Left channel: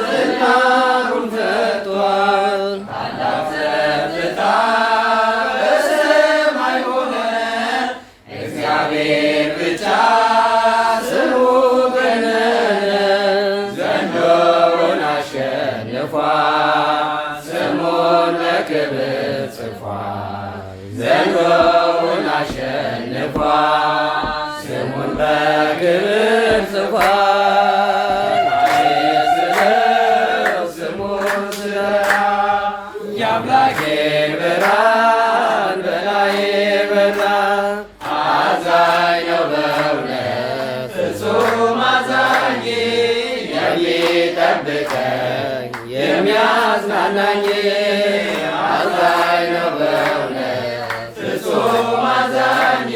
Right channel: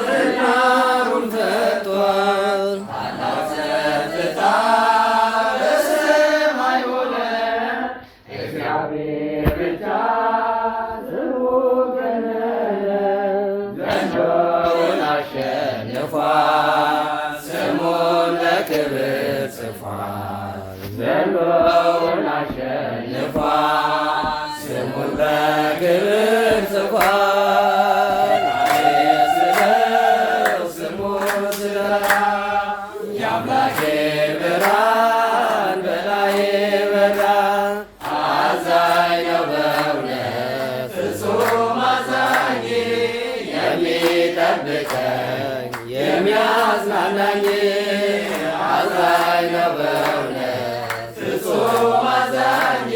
ዝናሩን ፈጥቷል ታላቅ ጸጥታ በሰማይ ሆነ። እግዚአብሔር ብቻ ስሙ ገነነ። ዘንዶውን አሸንፏል ስሙን በክብር ጽፏል። ዘንዶውን አሸንፏል ስሙን በክብር ጽፏል። የአምላኬን ብርሃን በላዬ በራ። አዛኝ ነው በእውነት ፍጹም አዛኝ፣ የሚጠብቀኝ የሚያጽናናኝ። አዛኝ ነው በእውነት ፍጹም አዛኝ፣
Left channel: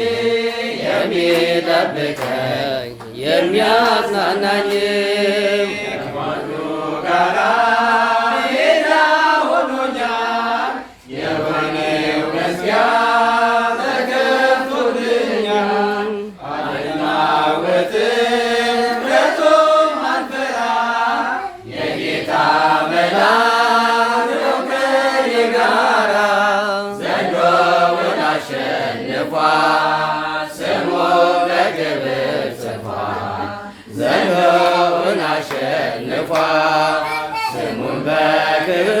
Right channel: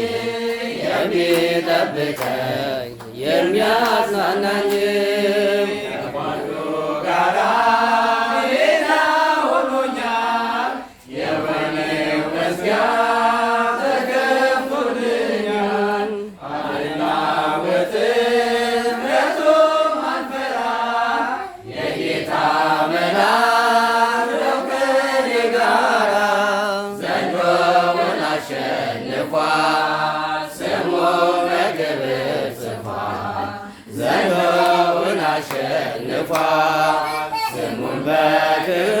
የሚጠብቀኝ የሚያጽናናኝ። ከማኑ ጋራ ዘንዶውን አሸንፏል ስሙን በክብር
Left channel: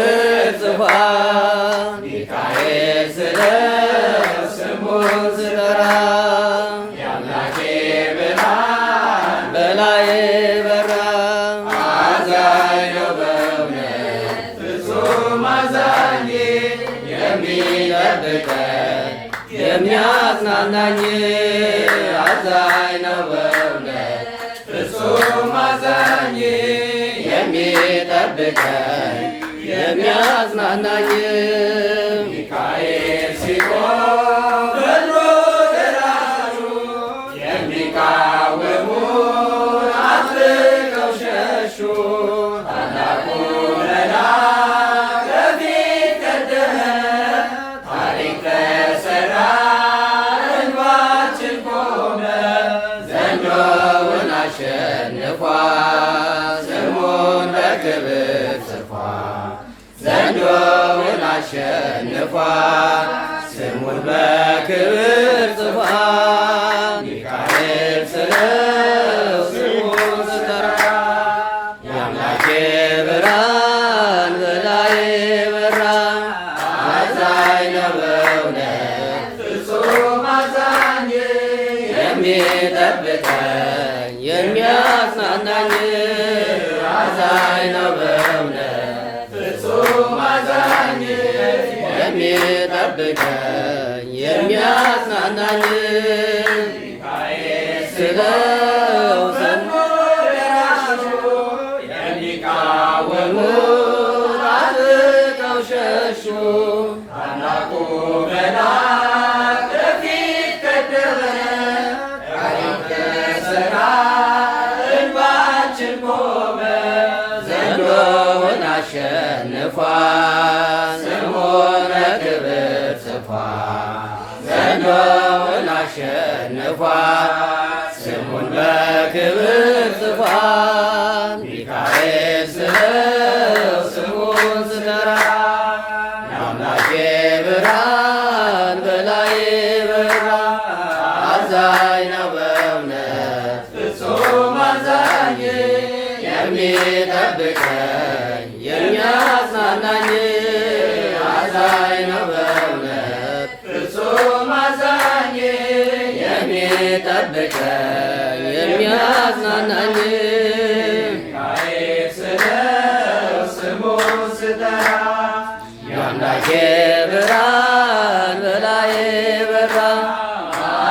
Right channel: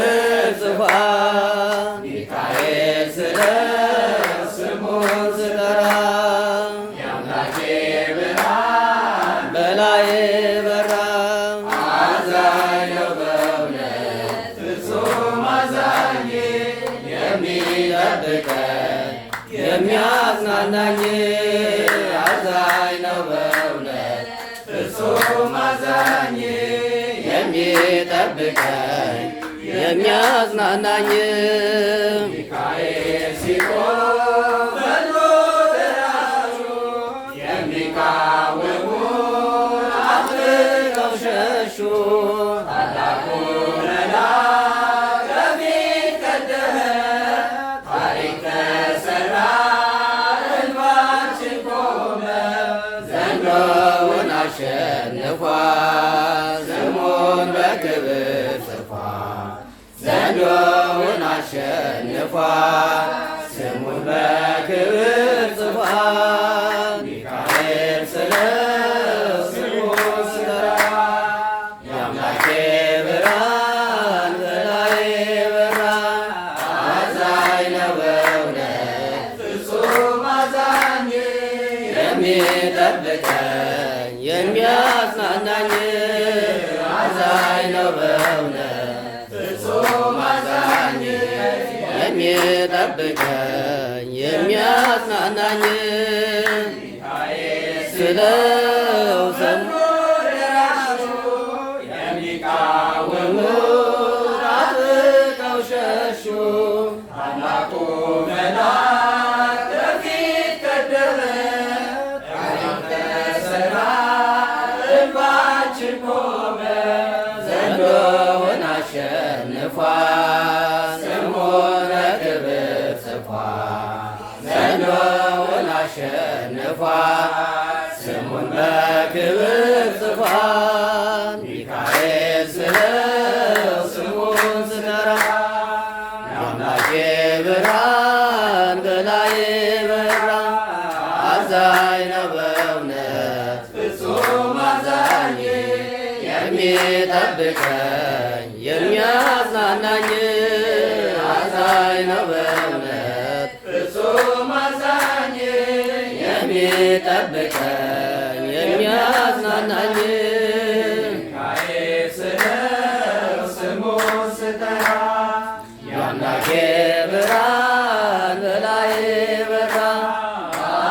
ጽፏል። ሚካኤል ስለው ስሙን ስጠራ የአምላኬ ብርሃን በላዬ በራ። አዛኝ ነው በእውነት ፍጹም አዛኝ፣ የሚጠብቀኝ የሚያጽናናኝ። አዛኝ ነው በእውነት ፍጹም አዛኝ፣ የሚጠብቀኝ የሚያጽናናኝ። ሚካኤል ሲቆም በሎ ደራሹ የሚቃወሙት አጥብቀው ሸሹ። ታላቁ መልአክ ከፊት ቀደመ፣ ታሪክ ተሰራ እንባችን ቆመ። ዘንዶውን አሸንፏል ስሙን በክብር ጽፏል። ዘንዶውን አሸንፏል ስሙን በክብር ጽፏል። ሚካኤል ስለው ስሙን ስጠራ የአምላኬ ብርሃን በላዬ በራ። አዛኝ ነው በእውነት ፍጹም አዛኝ፣ የሚጠብቀኝ የሚያጽናናኝ። አዛኝ ነው በእውነት ፍጹም አዛኝ፣ የሚጠብቀኝ የሚያጽናናኝ። ስለው ስሙን ደራሹ የሚቃወሙት አጥብቀው ሸሹ። ታላቁ መልአክ ከፊት ቀደመ፣ ታሪክ ተሰራ እንባችን ቆመ። ዘንዶውን አሸንፏል ስሙን በክብር ጽፏል። ዘንዶውን አሸንፏል ስሙን በክብር ጽፏል። ሚካኤል ስለው ስሙን ስጠራ የአምላኬ ብርሃን በላዬ በራ። አዛኝ ነው በእውነት ፍጹም አዛኝ፣ የሚጠብቀኝ የሚያጽናናኝ። አዛኝ ነው በእውነት ፍጹም አዛኝ፣ የሚጠብቀኝ የሚያጽናናኝ። ሚካኤል ስለው ስሙን ስጠራ የአምላኬ ብርሃን በላዬ በራ።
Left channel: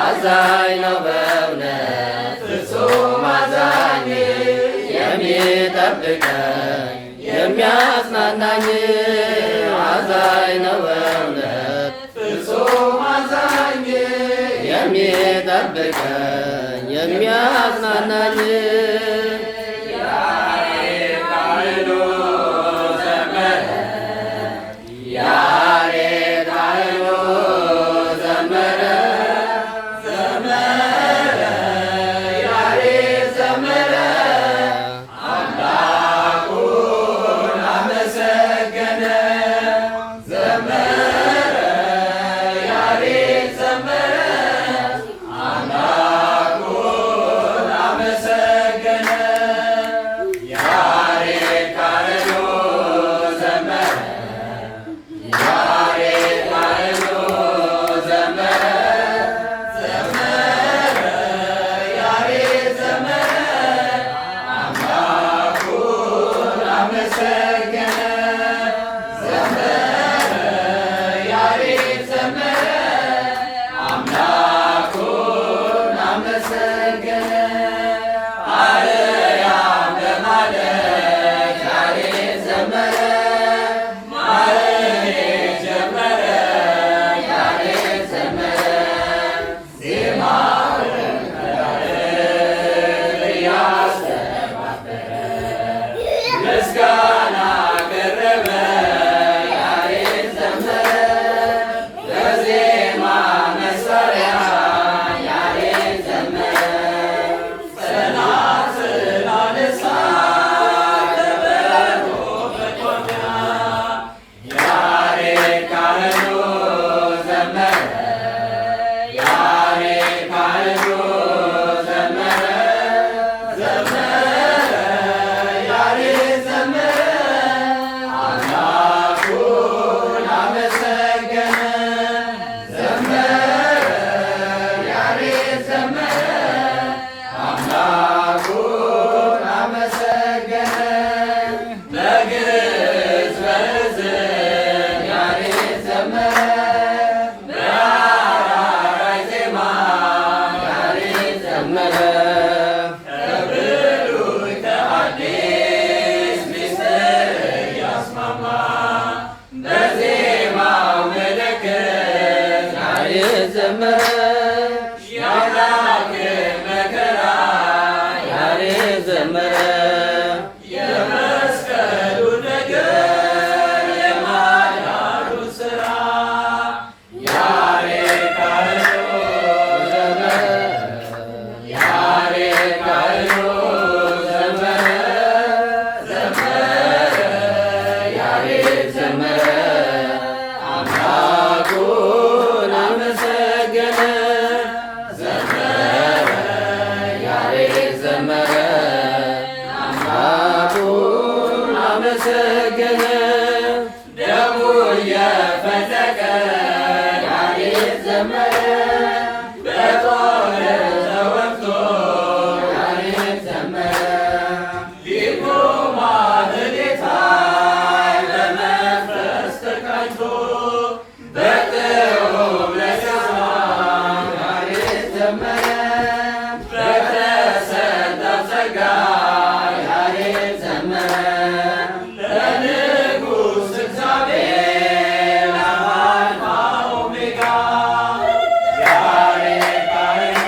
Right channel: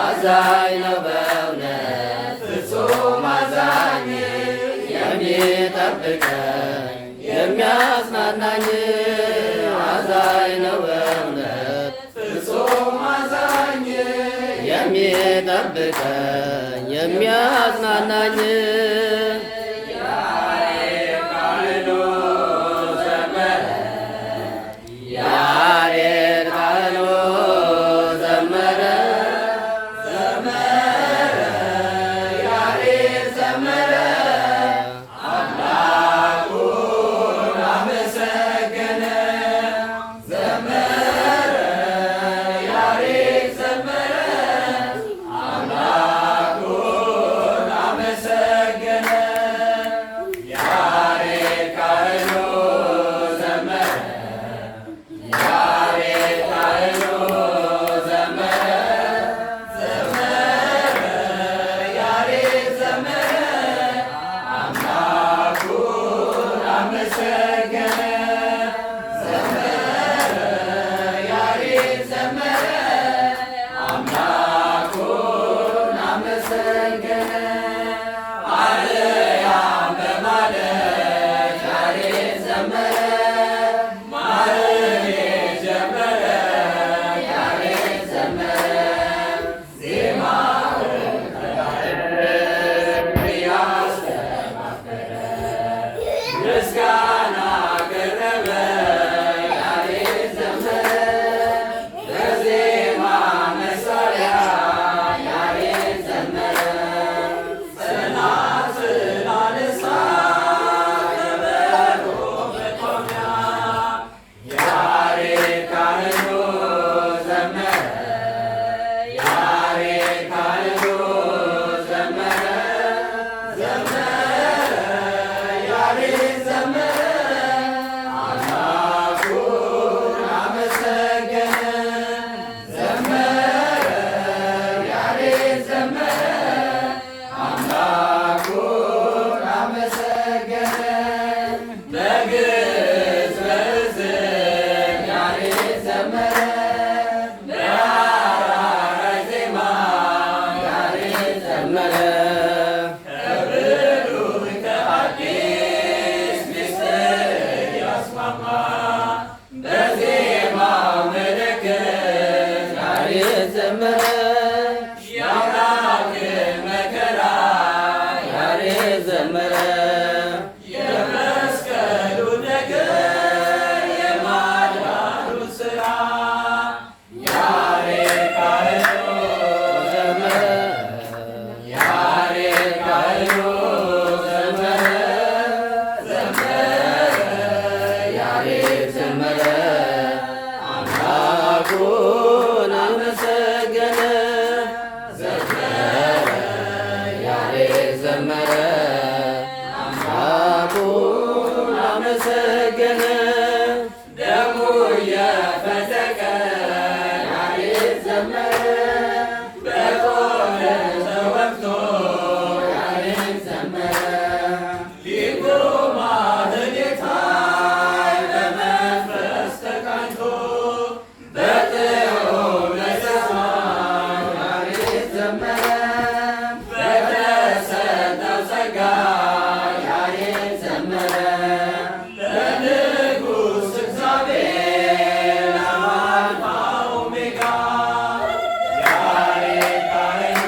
አዛኝ ነው በእውነት ፍጹም አዛኝ፣ የሚጠብቀኝ የሚያጽናናኝ። አዛኝ ነው በእውነት ፍጹም አዛኝ፣ የሚጠብቀኝ የሚያጽናናኝ። ያሬድ ካህኑ ዘመረ፣ ያሬድ ካህኑ ዘመረ፣ ዘመረ ያሬድ ዘመረ። አምላክ አመሰገነ ደሙ እየፈለቀ ያሬድ ዘመረ በጦር ተወግቶ ያሬድ ዘመረ ሊቁ ማህሌታይ በመንፈስ ተቃኝቶ በጥዑም ለዜማ ያሬድ ዘመረ በተሰጠው ጸጋ ያሬድ ዘመረ ለንጉሥ እግዚአብሔር ለአልፋ ኦሜጋ ያሬድ ካህኑ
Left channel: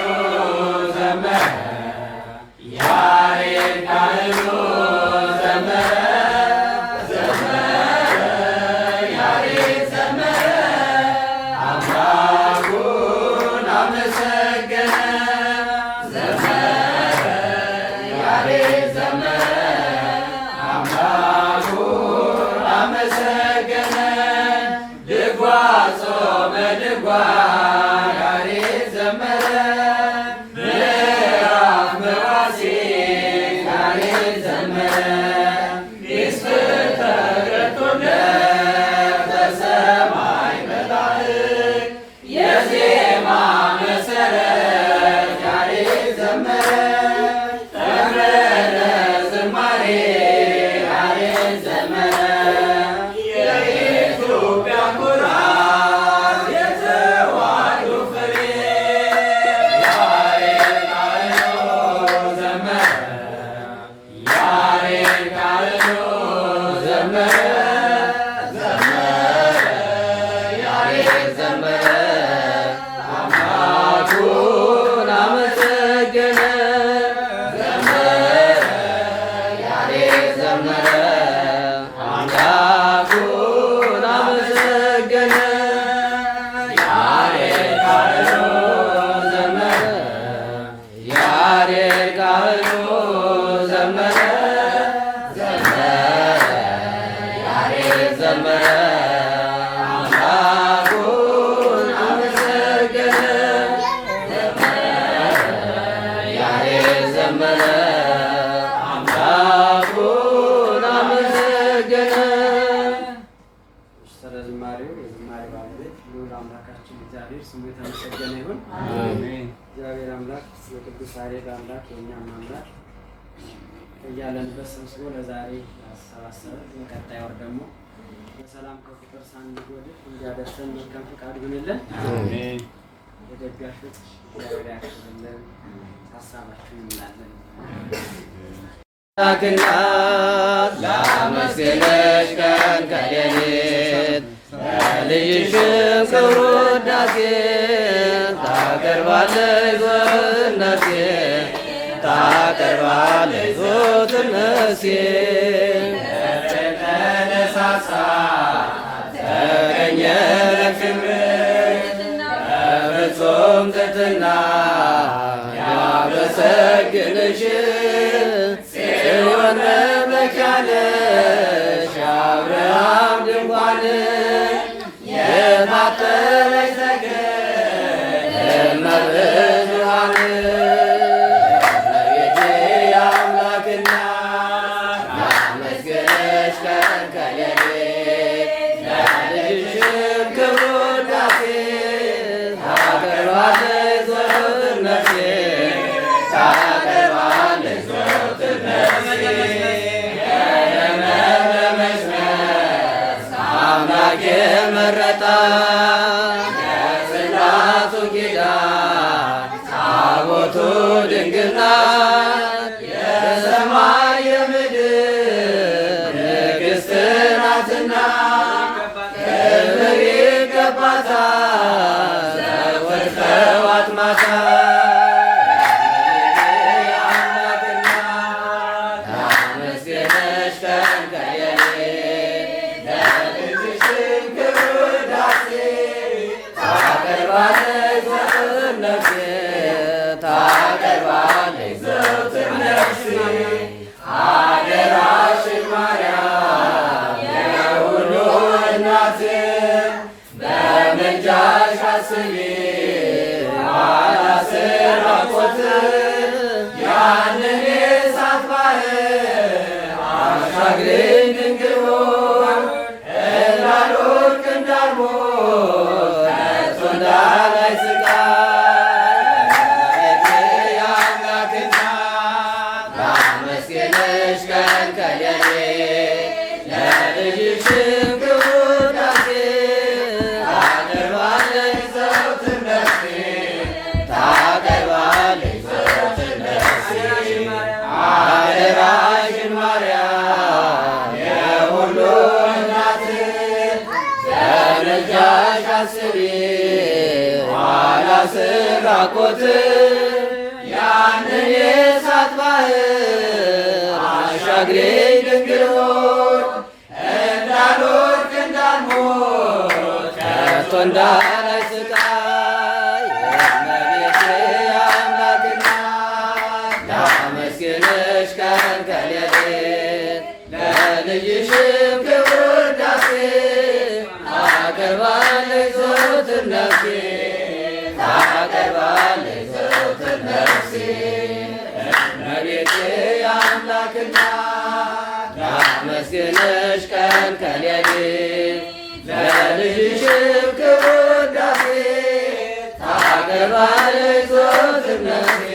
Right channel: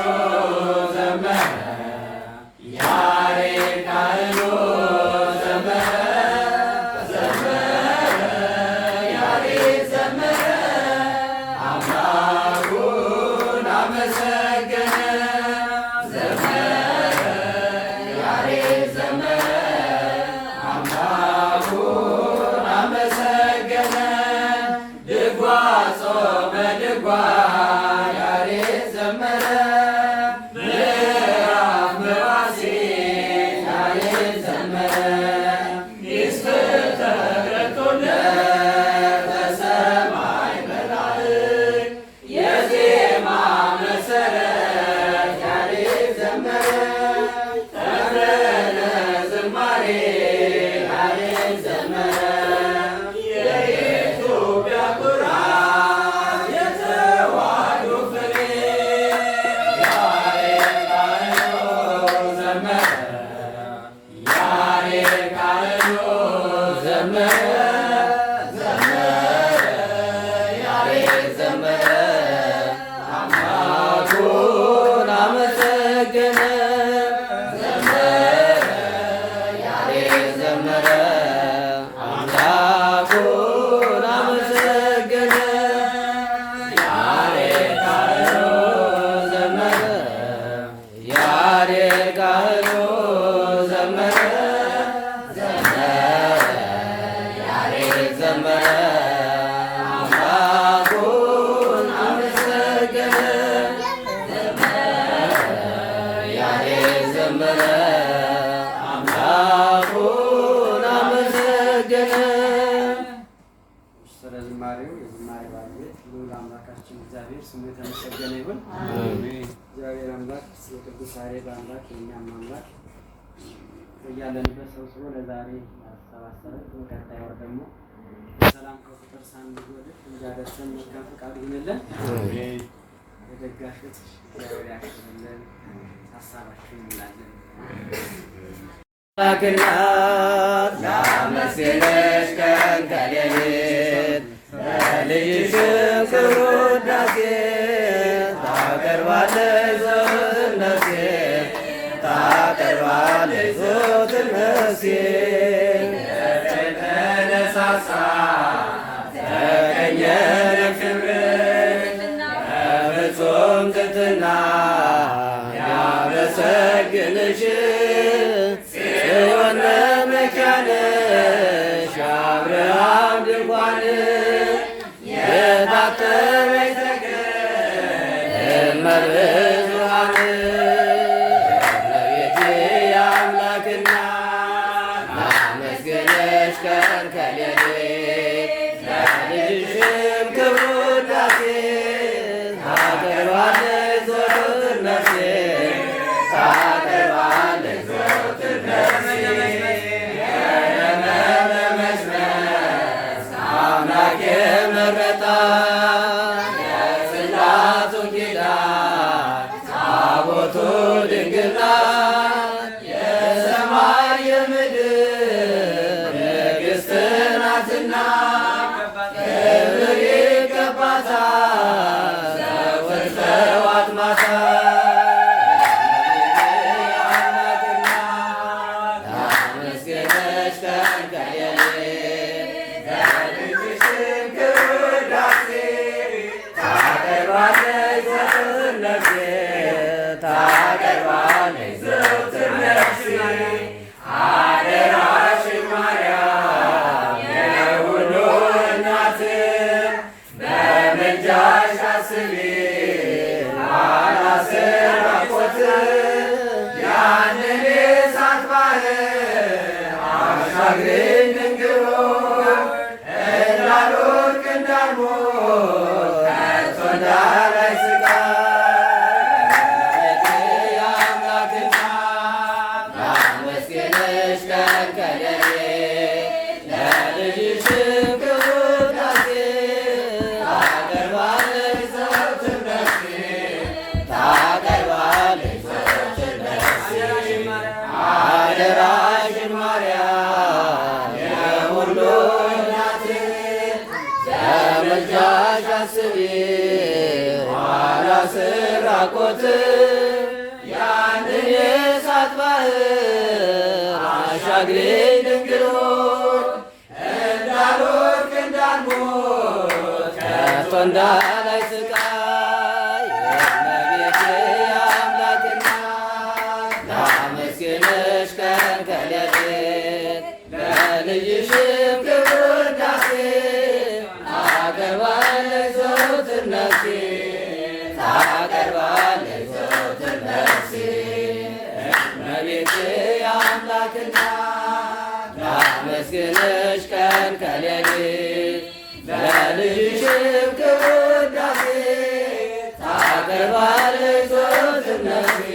ዘመረ ያሬድ ካህኑ ዘመረ ዘመረ ያሬድ ዘመረ አምላኩን አመሰገነ ዘመረ ያሬድ ዘመረ አምላኩን አመሰገነ ድጓ ጾመ ድጓ ያሬድ ዘመረ ምዕራፍ መዋሥዕ ያሬድ ዘመረ ምስጢር ተገልጦለት በሰማይ መላእክት የዜማ መሠረት ያሬድ ዘመረ ተምረነ ዝማሬ ያሬድ ዘመረ የኢትዮጵያ ኩራት የተዋሕዶ ፍሬ ያሬድ ካህኑ ዘመረ ያሬድ ካህኑ ዘመረ ዘመረ ያሬድ ዘመረ አምላኩን አመሰገነ ዘመረ ያሬድ ዘመረ አምላኩን አመሰገነ ያሬድ ካህኑ ዘመረ ያሬድ ካህኑ ዘመረ ዘመረ ያሬድ ዘመረ አምላኩን አመሰገነ ያሬድ ዘመረ አምላኩን አመሰገነ። ስለ ዝማሬው የዝማሬ ባለቤት ልዑል አምላካችን እግዚአብሔር ስሙ የተመሰገነ ይሁን። እግዚአብሔር አምላክ የቅዱስ ያሬድ አምላክ የእኛም አምላክ እያለንበት ሰብስቦ ለዛሬ ያሰባሰበን የቀጣይ ወር ደግሞ በሰላም ከቁጥር ሳንጎድል እንዲያደርሰን መልካም ፈቃዱ ይሁንልን። የደጋሾች እግዚአብሔር ያክብርልን። ሀሳባችሁን እንላለን። አምላክናት ላመስግንሽ ቀን ከሌሊት ለልጅሽም ክብር ውዳሴ ታቀርባለች ዘወትር ነፍሴ ታቀርባለች ዘወትር ነፍሴ ተነሳሳ ተገኘ ለክብርሽ በፍጹም ትሕትና ያመሰግንሽ ጽዮን መካነሽ የአብርሃም ድንኳን የታተመች ሰገነት እመብዙኃን እመቤቴ የአምላክ እናት ላመስግንሽ ቀን ከሌሊት ለልጅሽም ክብር ውዳሴ ታቀርባለች ዘወትር ነፍሴ ታቀርባለች ዘወትር ነፍሴ የለመለመች መስክ አምላክ የመረጣት የጽላቱ ኪዳን ታቦቱ ድንግል ናት የሰማይ የምድር ንግሥት ናትና ክብር ይገባታል ዘወትር ጠዋት ማታ ላመስግንሽ ቀን ከሌሊት ለልጅሽም ክብር ውዳሴ ታቀርባለች ዘወትር ነፍሴ ታቀርባለች ዘወትር ነፍሴ አደራሽን ማርያም የሁሉ እናት በምልጃሽ አስቢ ባላስራቆት ያንን የእሳት ባህር አሻግረኝ ለልጅሽም ክቡር ውዳሴ ታቀርባለች ዘወትር ነፍሴ ታቀርባለች ዘወትር ነፍሴ አደራሽን ማርያም የሁሉ እናት በምልጃሽ አስቢ ኋላ ስራቆት ያንን የእሳት ባህር አሻግሬኝ ድንግል ሆይ እንዳልወድቅ እንዳልሞት ከቶ እንዳላይ ስቃይ እመቤቴ አምላክና ላመስግንሽ ቀን ከሌሊት ለልጅሽም ክቡር ውዳሴ ታቀርባለች ዘወትር ነፍሴ ታቀርባለች ዘወትር ነፍሴ እመቤቴ አምላክና ላመስግንሽ ቀን ከሌሊት ለልጅሽም ክቡር ውዳሴ ታቀርባለች ዘወትር ነፍሴ